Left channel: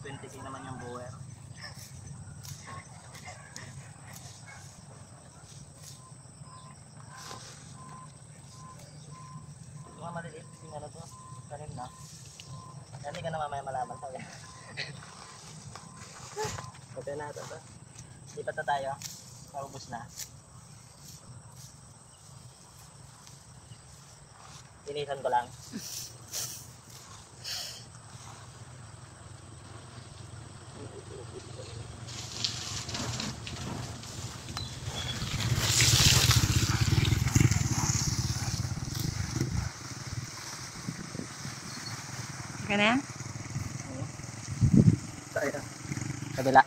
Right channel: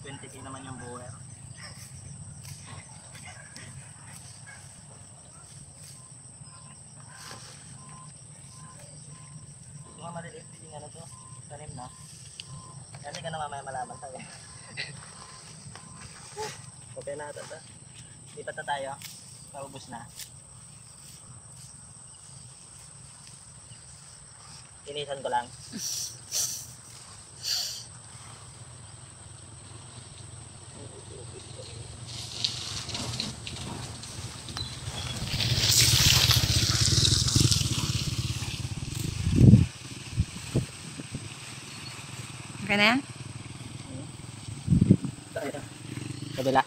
20k naman yung buwer. Mga maliliit din ano to, tanim na. Yan hindi ka na mamaya malaman tayo. Okay na ito. Lipat na tayo. Paubos na. Inisan ko lang. Okay na yan? Tayo. Kabila.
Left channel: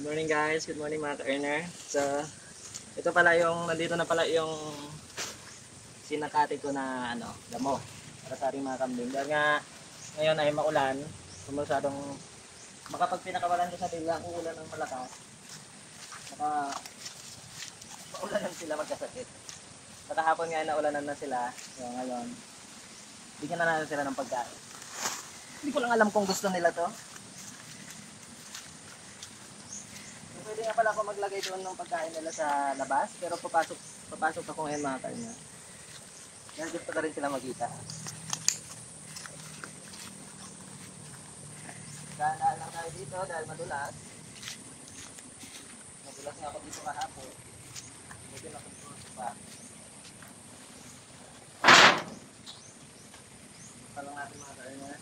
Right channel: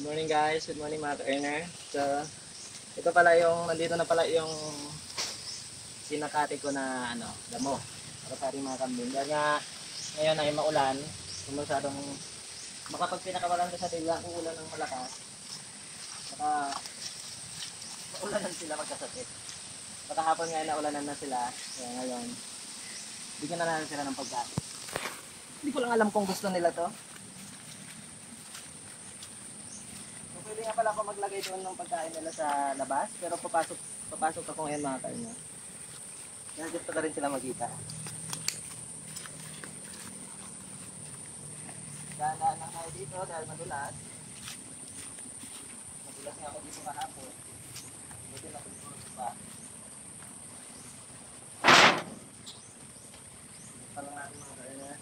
Good morning guys, good morning mga ka-earner. So, ito pala yung, nandito na pala yung sinakati ko na damo para sa ating mga kambing. Dahil nga ngayon ay maulan, masyadong makapag pinakawalan ko sa biglang uulan ng malakas, baka maulanan sila magkasakit. Kahapon nga naulanan na sila, so ngayon bigyan na natin sila ng pagkain. Hindi ko lang alam kung gusto nila to. Pwede nga pala ako maglagay doon ng pagkain nila sa labas, pero papasok ako ngayon mga ka-earner. Kaya gusto ka rin sila magkita. Dahan-dahan lang tayo dito dahil madulas. Madulas nga ako dito kahapon. Buti na ako dito pa. Ito lang natin mga ka-earner.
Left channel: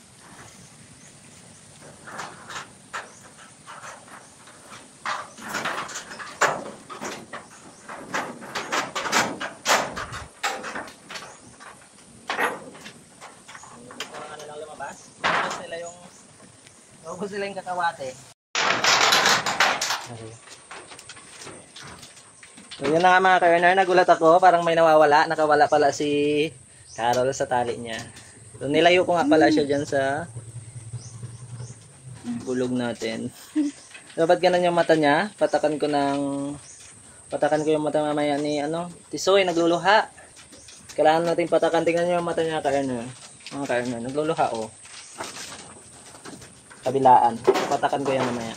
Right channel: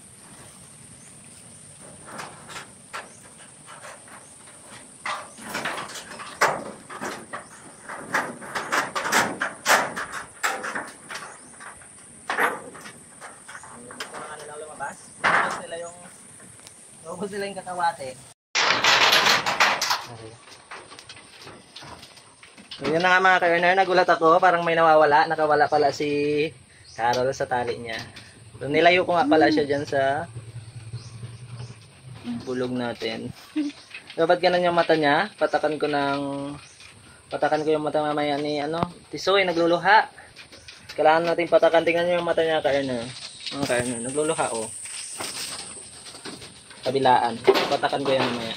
Naubos nila yung kakawate. So yun na nga mga ka-earner, nagulat ako, parang may nawawala, nakawala pala si Carol sa tali niya. So nilayo ko nga pala siya dyan sa bulog natin. Dapat ganun yung mata niya, patakan ko yung mata mamaya ni Tisoy, nagluluha. Kailangan natin patakan, tingnan nyo yung mata niya ka-earner. Mga ka-earner, nagluluha oh. Kabilaan. Patakan ko yan mamaya.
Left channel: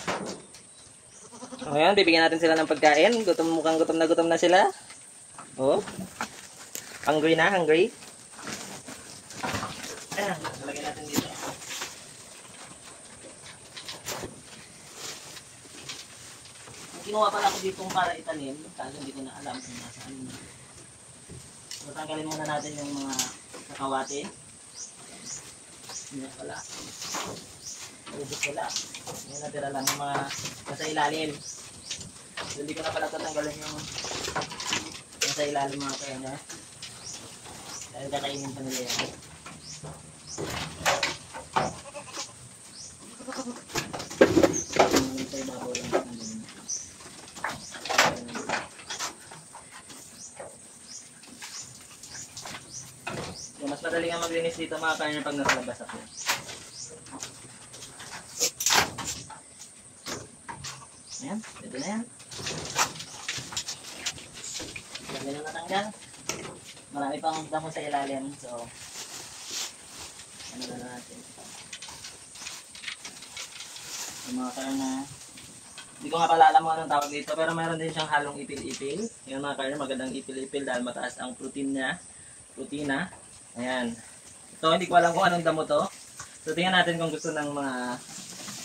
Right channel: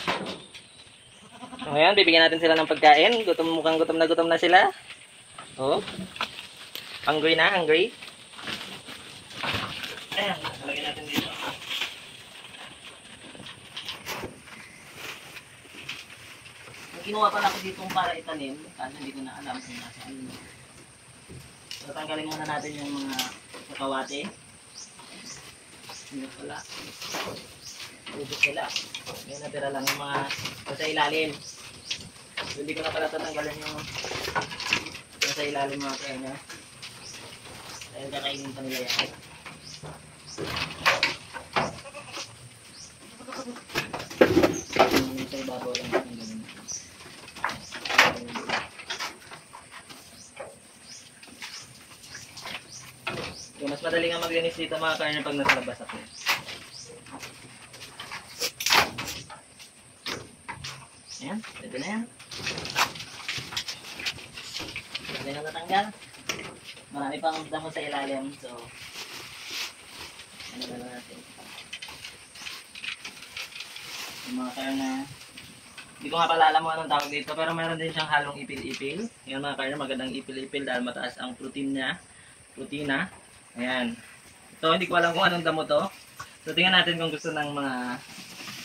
So, ngayon, bibigyan natin sila ng pagkain. Mukhang gutom na sila. Oh. Hungry na, hungry. Ayan, lagyan natin dito. Ang ginawa pala ko dito para itanim, kasi hindi ko na alam kung nasaan. So, tanggalin muna natin yung mga kakawate. Hindi pala. Ubus nila. Ngayon natira lang yung mga nasa ilalim. So, hindi ko na pala tatanggalan yung nasa ilalim mga ka-earner. Dahil kakainin pa nila yan. Sa ibabaw lang natin ganun. So, mas madali nga maglinis dito mga ka-earner pag nasa labas ako. Ayan, pwede na yan. Pwede na natanggal. Marami pang damo sa ilalim. So, ano na natin. Yung mga ka-earner. Hindi ko nga pala alam mo anong tawag dito. Pero meron din siyang halong ipil-ipil. Ayan mga ka-earner, magandang ipil-ipil dahil mataas ang protein niya. Proteina. Ayan. Ito, hindi ko alam kung anong damo to. So, tingnan natin kung gusto ng mga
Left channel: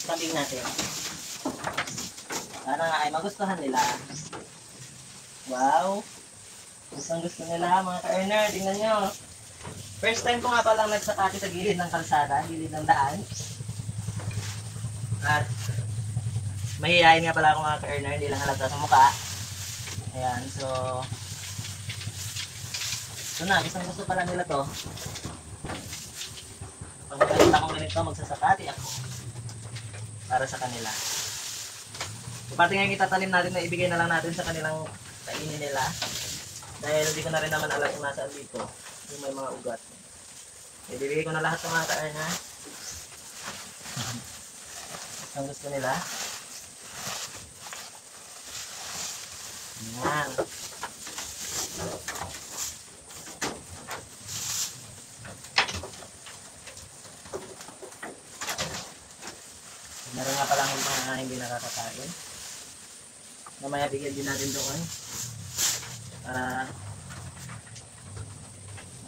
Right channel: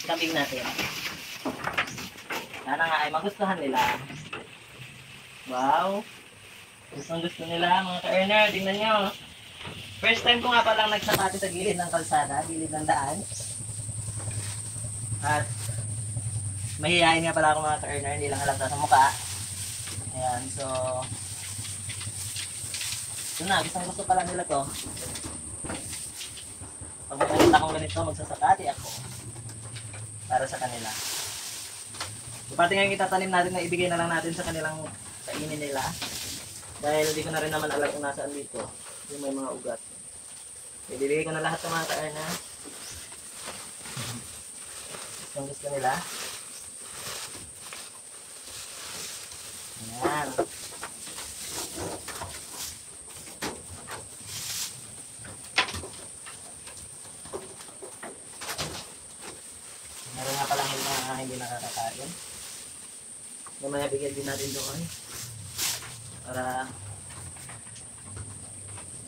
kambing natin. Sana nga ay magustuhan nila. Wow! Gustong gusto nila mga ka-earner. Tingnan nyo. First time ko nga palang nagsakati sa gilid ng kalsada, gilid ng daan. At mahihayin nga pala ako mga ka-earner, hindi lang halata sa mukha. Ayan, so ito na, gusto pala nila to. Pag makikita kong ganito, magsasakati ako para sa kanila. So, pati ngayon itatanim natin na ibigay na lang natin sa kanilang kainin nila. Dahil hindi ko na rin naman alam kung nasaan dito. Yung may mga ugat. Ibibigay ko na lahat ng mga kaarna. Gusto nila. Ayan. Meron nga palang mga hindi nakakakain. Mamaya bigyan din natin doon. Para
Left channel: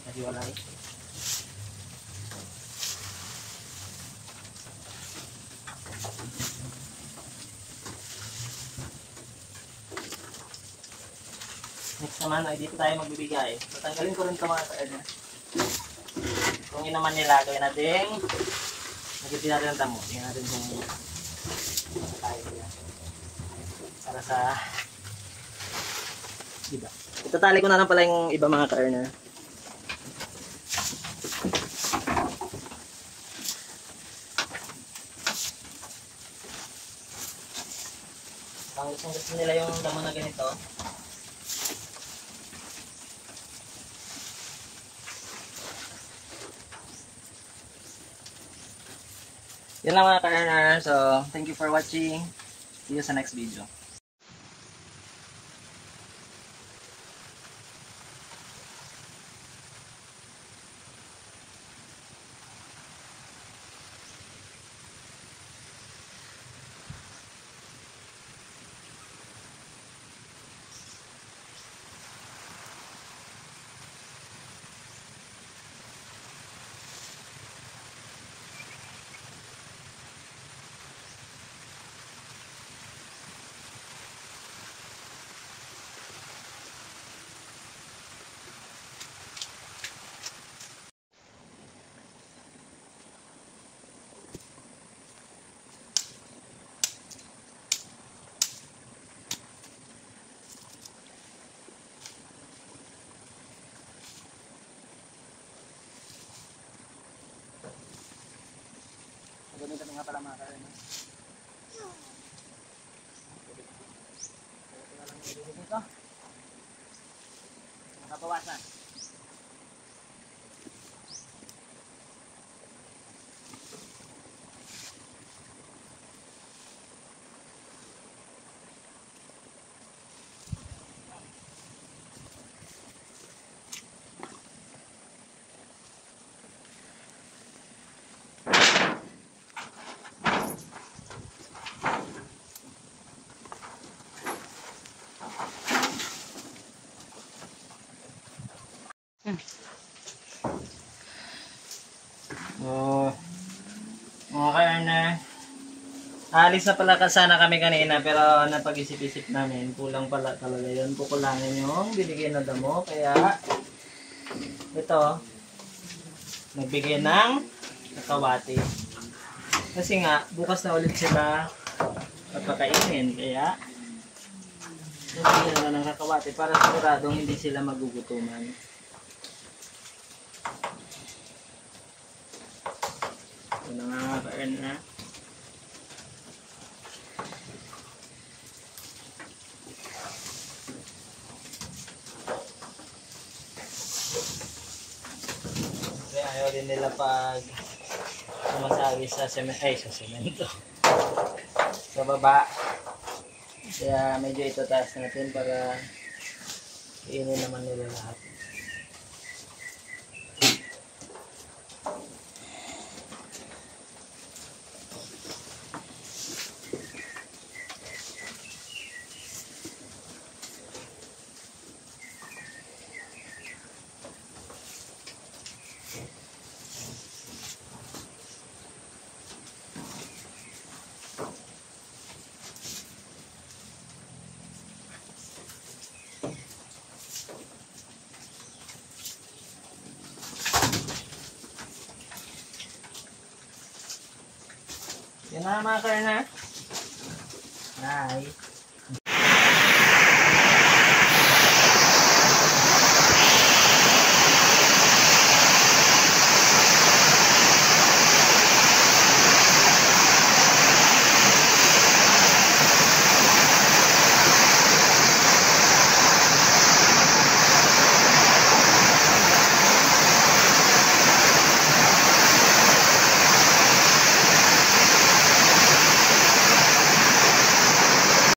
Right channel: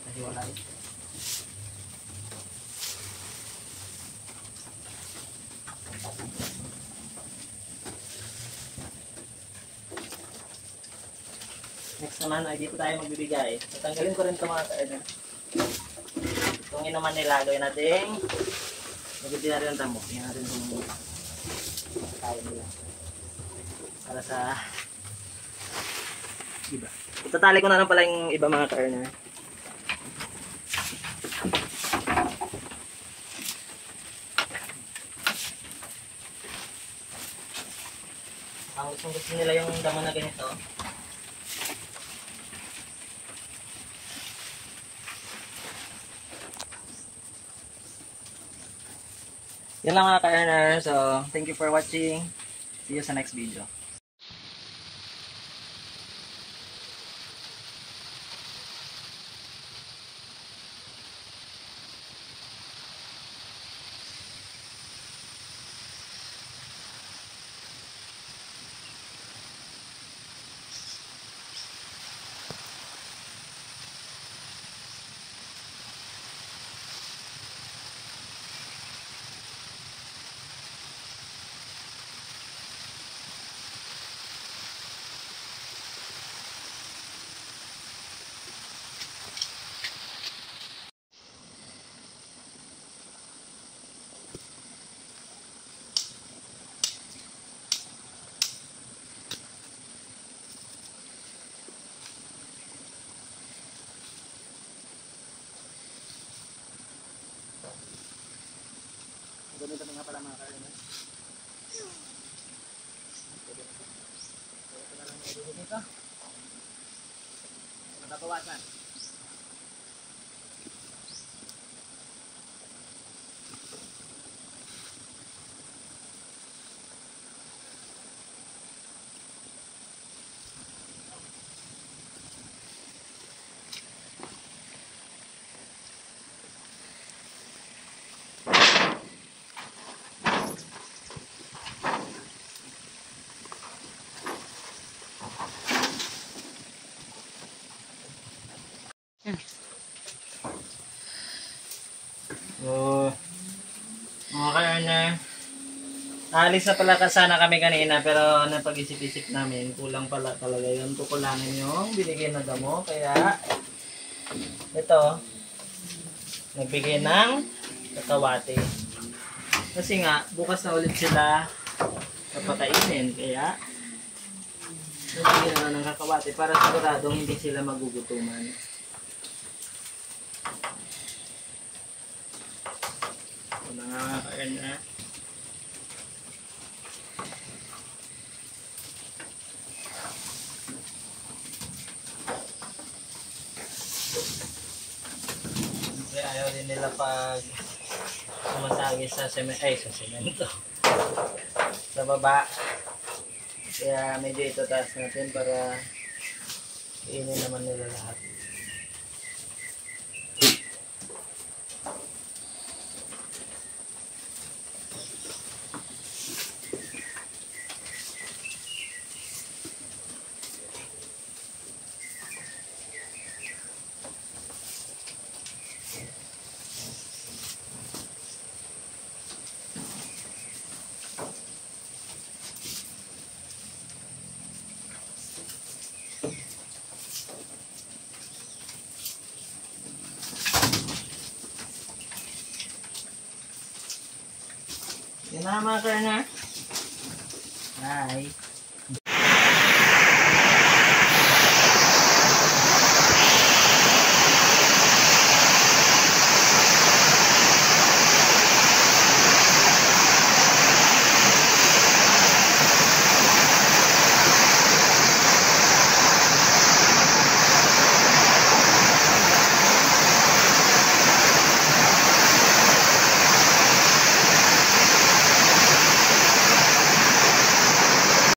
makahiwalay. Next naman ay dito tayo magbibigay. Tatanggalin ko rin ito mga kaarna. Kung inaman nila, gawin natin magiging natin ang damo. Tingnan natin kung kaya nila. Para sa iba. Itatali ko na lang pala yung iba mga kaarna. Ang gusto nila yung damo na ganito. Yan lang mga ka-earner. So, thank you for watching. See you sa next video. Gamitin nga pala mga ka-earner. Ito na lang niluluto dito. Nakabawasan. Oh, mga ka-earner, alis na pala sana kami kanina pero napag-isip-isip namin, kulang pala talaga yun. Kukulangin yung binigay na damo. Kaya ito, nagbigay ng kakawate. Kasi nga, bukas na ulit sila papakainin. Kaya nagbigay na ng kakawate para siguradong hindi sila magugutuman. Ito na nga ka-earner. Ayaw din nila pag sumasagi sa semento sa baba. Kaya medyo ito taas natin para iinin naman nila lahat. Yan na mga ka-earner. Bye.